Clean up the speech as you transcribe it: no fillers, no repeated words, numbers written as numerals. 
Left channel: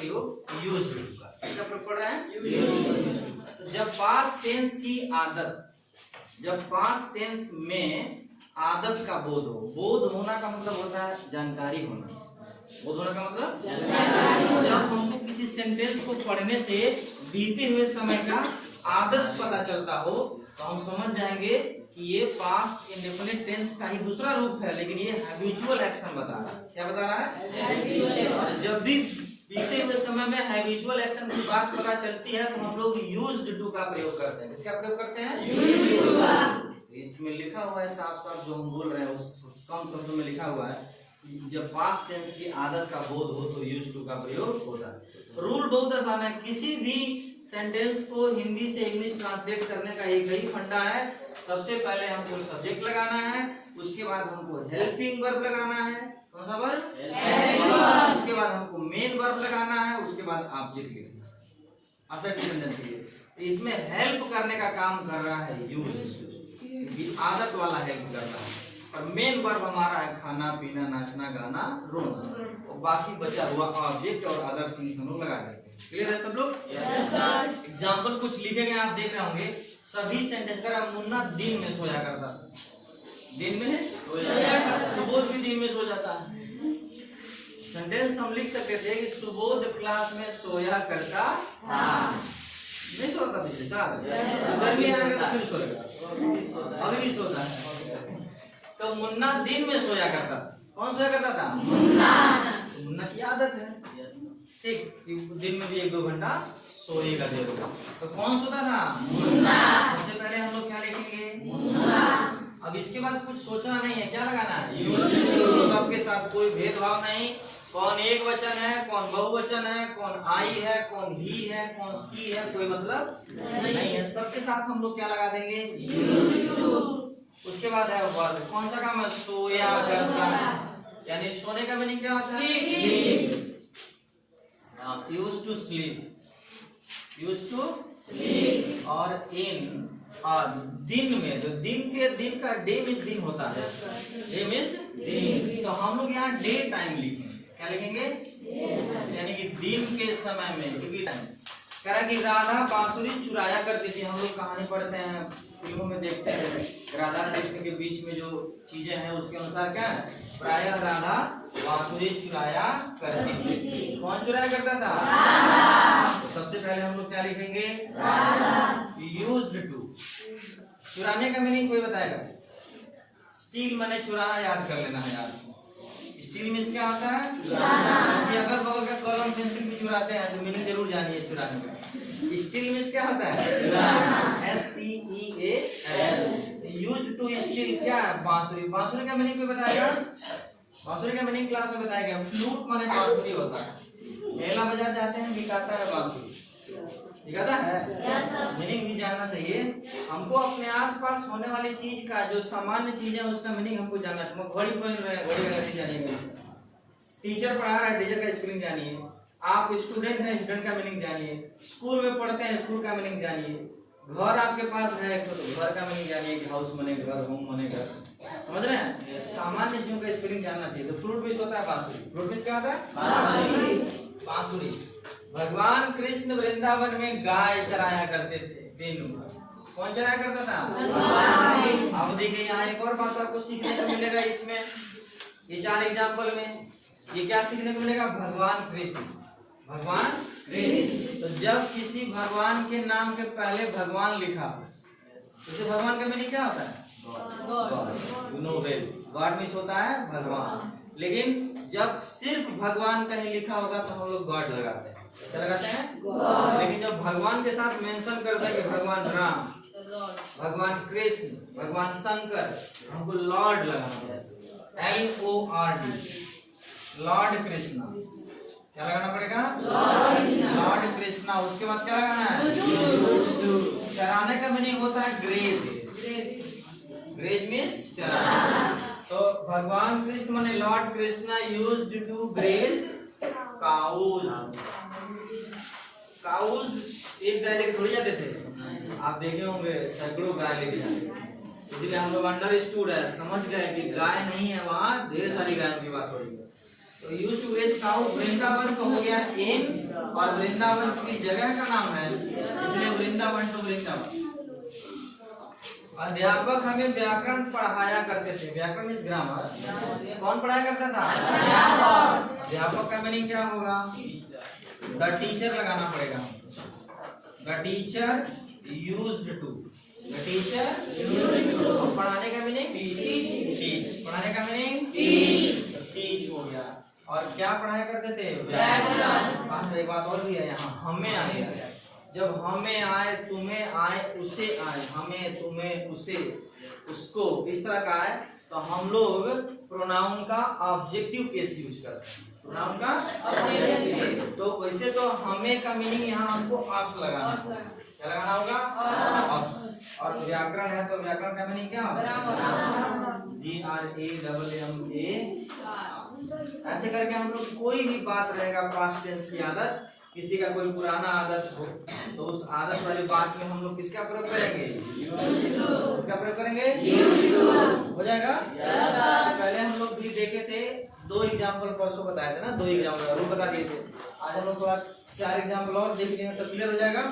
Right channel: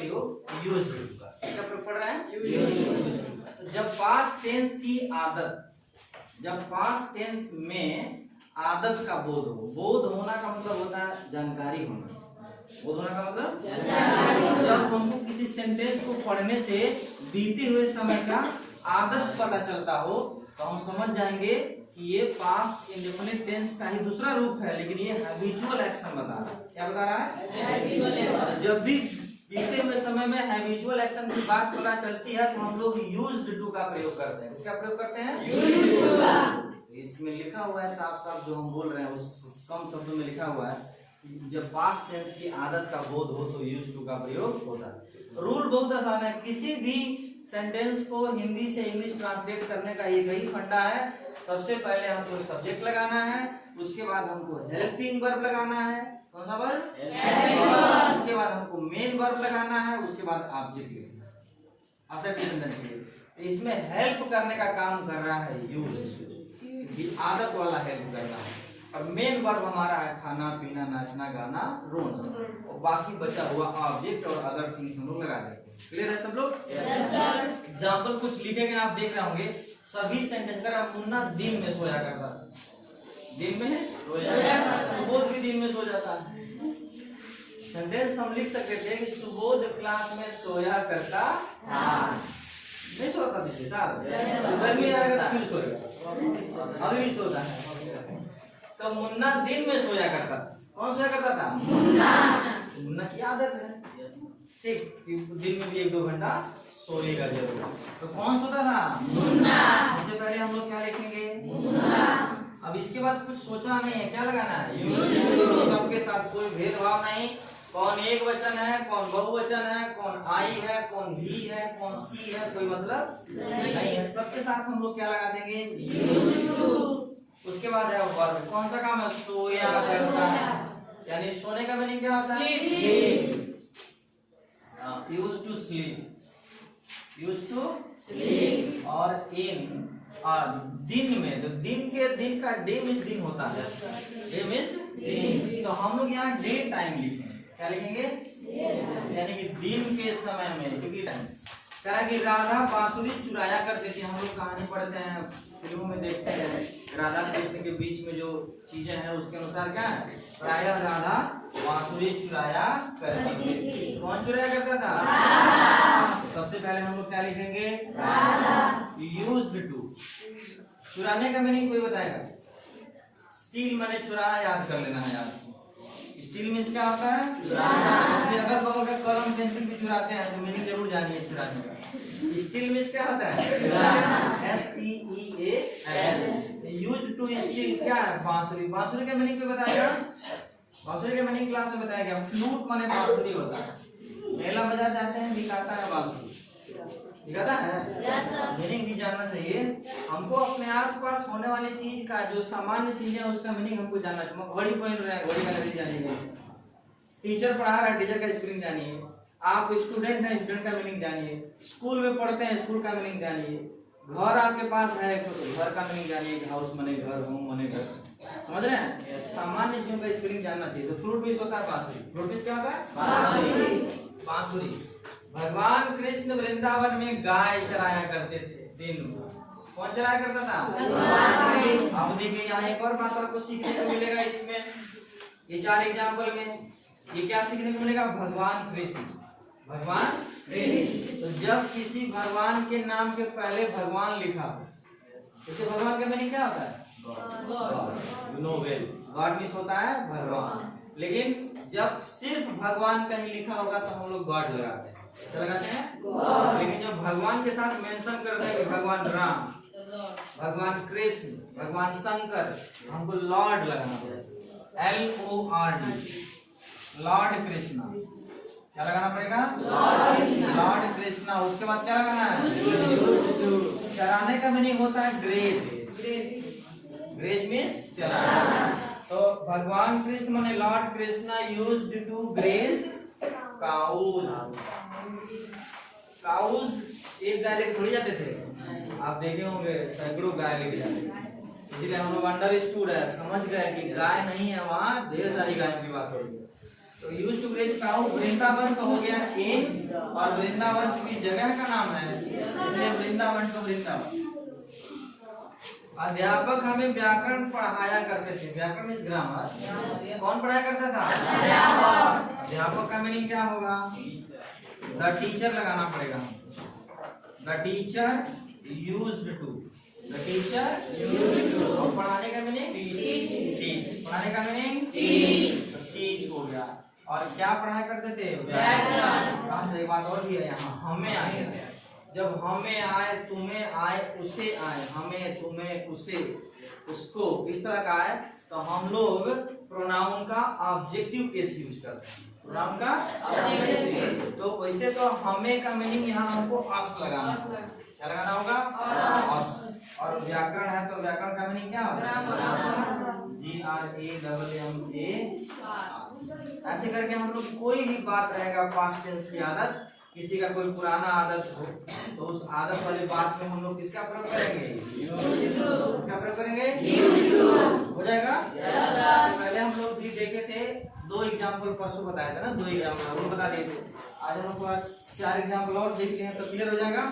प्रयोग used to का। इसका प्रयोग पढ़ रहा है यूज्ड टू का। तो जब पास्ट टेंस की आदत, जब पास्ट टेंस में आदत का बोध हो, बोध होना का मतलब होता है जानकारी होना, बोध होने का मतलब जानकारी। जब हमको किसी सेंटेंस को पढ़ने से बीते हुए समय का आदत पता चलता हो तो हम समझ जाएंगे कि ये पास्ट इंडेफिनिट टेंस का ही दूसरा रूप है, लेकिन ये हैबिचुअल एक्शन बता रहा है। क्या बता रहा है? जब भी बीते हुए समय में हैबिचुअल एक्शन की बात पता चलती है तो हम लोग यूज्ड टू का प्रयोग करते हैं। किसका प्रयोग करते हैं? यूज्ड टू का। इसमें लिखा हुआ है साफ साफ, जो हम बोल रहे हैं उस कम शब्दों में लिखा हुआ है, जब पास्ट टेंस की आदत का बोध हो तो यूज्ड टू का प्रयोग होता है। रूल बहुत आसान है, किसी भी सेंटेंस को हिंदी से इंग्लिश ट्रांसलेट करने का एक ही फंडा है। सबसे पहले हमको सब्जेक्ट लगाना है, उसके बाद हमको हेल्पिंग वर्ब लगाना है। कौन सा वर्ब? उसके बाद हमको मेन वर्ब लगाना है, उसके बाद ऑब्जेक्ट लिखना है, असेट सेंटेंस के लिए। तो इसमें हेल्प करने का काम कर रहा है यूज, आदत वाला हेल्प करना है। और मेन वर्ब हमारा है खाना पीना नाचना गाना रोना, और बाकी बचा हुआ ऑब्जेक्ट और अदर थिंग्स हम लोग लगा देते हैं। क्लियर है सब लोग? Yes sir. एग्जांपल कुछ लिखे गए आप देख रहे होंगे, सभी सेंटेंस का मुन्ना दिन में सोया करता था, दिन में सोया करता, सुबोध भी दिन में सो जाता है। सेंटेंस हम लिख सकते थे कि सुबोध क्लास में सोया करता था, नहीं सोता पिछले साल, गर्मी आ गई फिर सोएगा, अभी भी सोता है। तो मुन्ना दिन में सोया करता था। कौन सोया करता था? मुन्ना। तो मुन्ना की आदत है, ठीक, दिन में भी 1-2 घंटा सोएगा जरूर। तो कौन सोता था? मुन्ना। सबसे पहले हम लोग क्या लिखेंगे? मुन्ना। अब इसके बाद कुछ सोचना नहीं है, क्या लगाना है? Used to. सबके साथ कोई भेदभाव नहीं, कौन एक वचन है, कौन बहुवचन है, कौन आई है, कौन ही है, कौन सी है, कोई मतलब नहीं है। सबके साथ हम लोग क्या लगा देंगे? Used to. उसके बाद है वर्ब, कौन सा काम है? सोया करता है, यानी सोने का मीनिंग क्या होता है? Sleep. Used to sleep, used to sleep. और इन, और दिन में, जो दिन का डे मींस दिन होता है, डे मींस दिन। तो हम लोग यहाँ डे टाइम लिखेंगे। क्या लिखेंगे? यानी कि दिन के समय में, क्योंकि कह कि राधा बांसुरी चुराया करती थी। हम लोग कहानी पढ़ते हैं, फिल्मों में देखते हैं, राधा कृष्ण के बीच में जो चीजें हैं उसके अनुसार क्या है? प्रायः राधा बांसुरी चुराया करती थी। कौन चुराया करता था? तो सबसे पहले हम लोग क्या लिखेंगे? Used to. चुराने का मीनिंग कोई बताएगा? स्टील मैंने चुराया, याद कर लेना है यार। स्टील मीन्स क्या होता है? चुराना। अगर बगल का कलम पेंसिल भी चुराते हैं तो मीनिंग जरूर जानिए चुराने का। स्टील मीन्स क्या होता है? STEAL। यूज्ड टू स्टील क्या है? बांसुरी। बांसुरी का मीनिंग कोई बताएगा? बांसुरी का मीनिंग क्लास में बताया गया। फ्लूट माने बांसुरी होता है। मेला बाजार जाते हैं, दिखाता है बांसुरी, दिखाता है। मीनिंग भी जानना चाहिए हमको। अपने आसपास होने वाली चीज का, जो सामान्य चीज है उसका मीनिंग हमको जानना चाहिए। घड़ी पहन रहे हैं, घड़ी का मीनिंग जानिए। टीचर पढ़ा रहा है, टीचर का स्पेलिंग जानिए। आप स्टूडेंट हैं, स्टूडेंट का मीनिंग जानिए। स्कूल में पढ़ते हैं, स्कूल का मीनिंग जानिए। घर आपके पास है तो घर का मीनिंग जानिए, हाउस माने घर, होम माने घर। समझ रहे हैं? सामान्य चीजों का स्पेलिंग जानना चाहिए। तो फ्रूट बीस होता है बांसुरी। फ्रूट बीस क्या होता है? बांसुरी। भगवान कृष्ण वृंदावन में गाय चराया करते थे दिन भर। कौन चराया करता था? अब देखिए यहाँ एक और बात आपको सीखने को मिलेगा इसमें, ये 4 एग्जाम्पल में। ये क्या सीखने को मिलेगा? भगवान कृष्ण, भगवान कृष्ण। तो जब किसी भगवान के नाम के पहले भगवान लिखा हो तो भगवान का मीनिंग क्या होता है? God. You know well, God means होता है भगवान। लेकिन जब सिर्फ भगवान कहीं लिखा होगा तो हम लोग गॉड लगाते हैं। क्या लगाते हैं? लेकिन जब भगवान के साथ मेंशन करते हैं कि भगवान राम, भगवान कृष्ण, भगवान शंकर, हमको लॉर्ड लगाना है। LORD, Lord Krishna. क्या लगाना पड़ेगा? लॉर्ड कृष्णा। उसके बाद क्या लगाना है? चराने का मीनिंग होता है ग्रेज। ग्रेज मीन्स चराना। तो भगवान कृष्ण माने lord Krishna used to graze cows. Cows एक गाय लेके थोड़ी जाते थे, आप देखे होंगे सैकड़ों गाय लेके जाते थे। इसलिए हम लोग अंडरस्टूड है, समझ गए कि गाय नहीं है, वहाँ ढेर सारी गायों की बात हो रही है। तो used to raise cow Vrindavan का हो गया एम, और वृंदावन की जगह का नाम है, इसलिए वृंदावन टू वृंदावन। अध्यापक हमें व्याकरण पढ़ाया करते थे। व्याकरण मींस ग्रामर। कौन पढ़ाया करता था? अध्यापक का मीनिंग क्या होगा? द टीचर लगाना पड़ेगा। The teacher used to, the teacher used to. और पढ़ाने का मीनिंग टीच, पढ़ाने का मीनिंग टीच हो गया। और क्या पढ़ाया करते थे? व्याकरण। एक बात और भी है यहाँ, हमें आए, जब हमें आए, तुम्हें आए, उसे आए, हमें, तुम्हें, उसे, उसको, इस तरह का है तो हम लोग प्रोनाउन का ऑब्जेक्टिव केस यूज करते हैं। प्रोनाउन का ऑब्जेक्टिव, तो वैसे तो हमें का मीनिंग यहाँ हमको अस लगाना है। क्या लगाना होगा? अस। और व्याकरण है तो व्याकरण का मीनिंग क्या होगा? GRAMMA। ऐसे करके हम लोग कोई भी बात रहेगा पास्ट टेंस की आदत, किसी का कोई पुराना आदत हो तो उस आदत वाली बात में हम लोग किसका प्रयोग करेंगे? किसका प्रयोग करेंगे? हो जाएगा। पहले हम लोग भी देखे थे, 2 एग्जाम्पल परसों बताए थे ना, 2 एग्जाम्पल और बता दिए थे। आज हम लोग 4 एग्जाम्पल और देख लेंगे तो क्लियर हो जाएगा।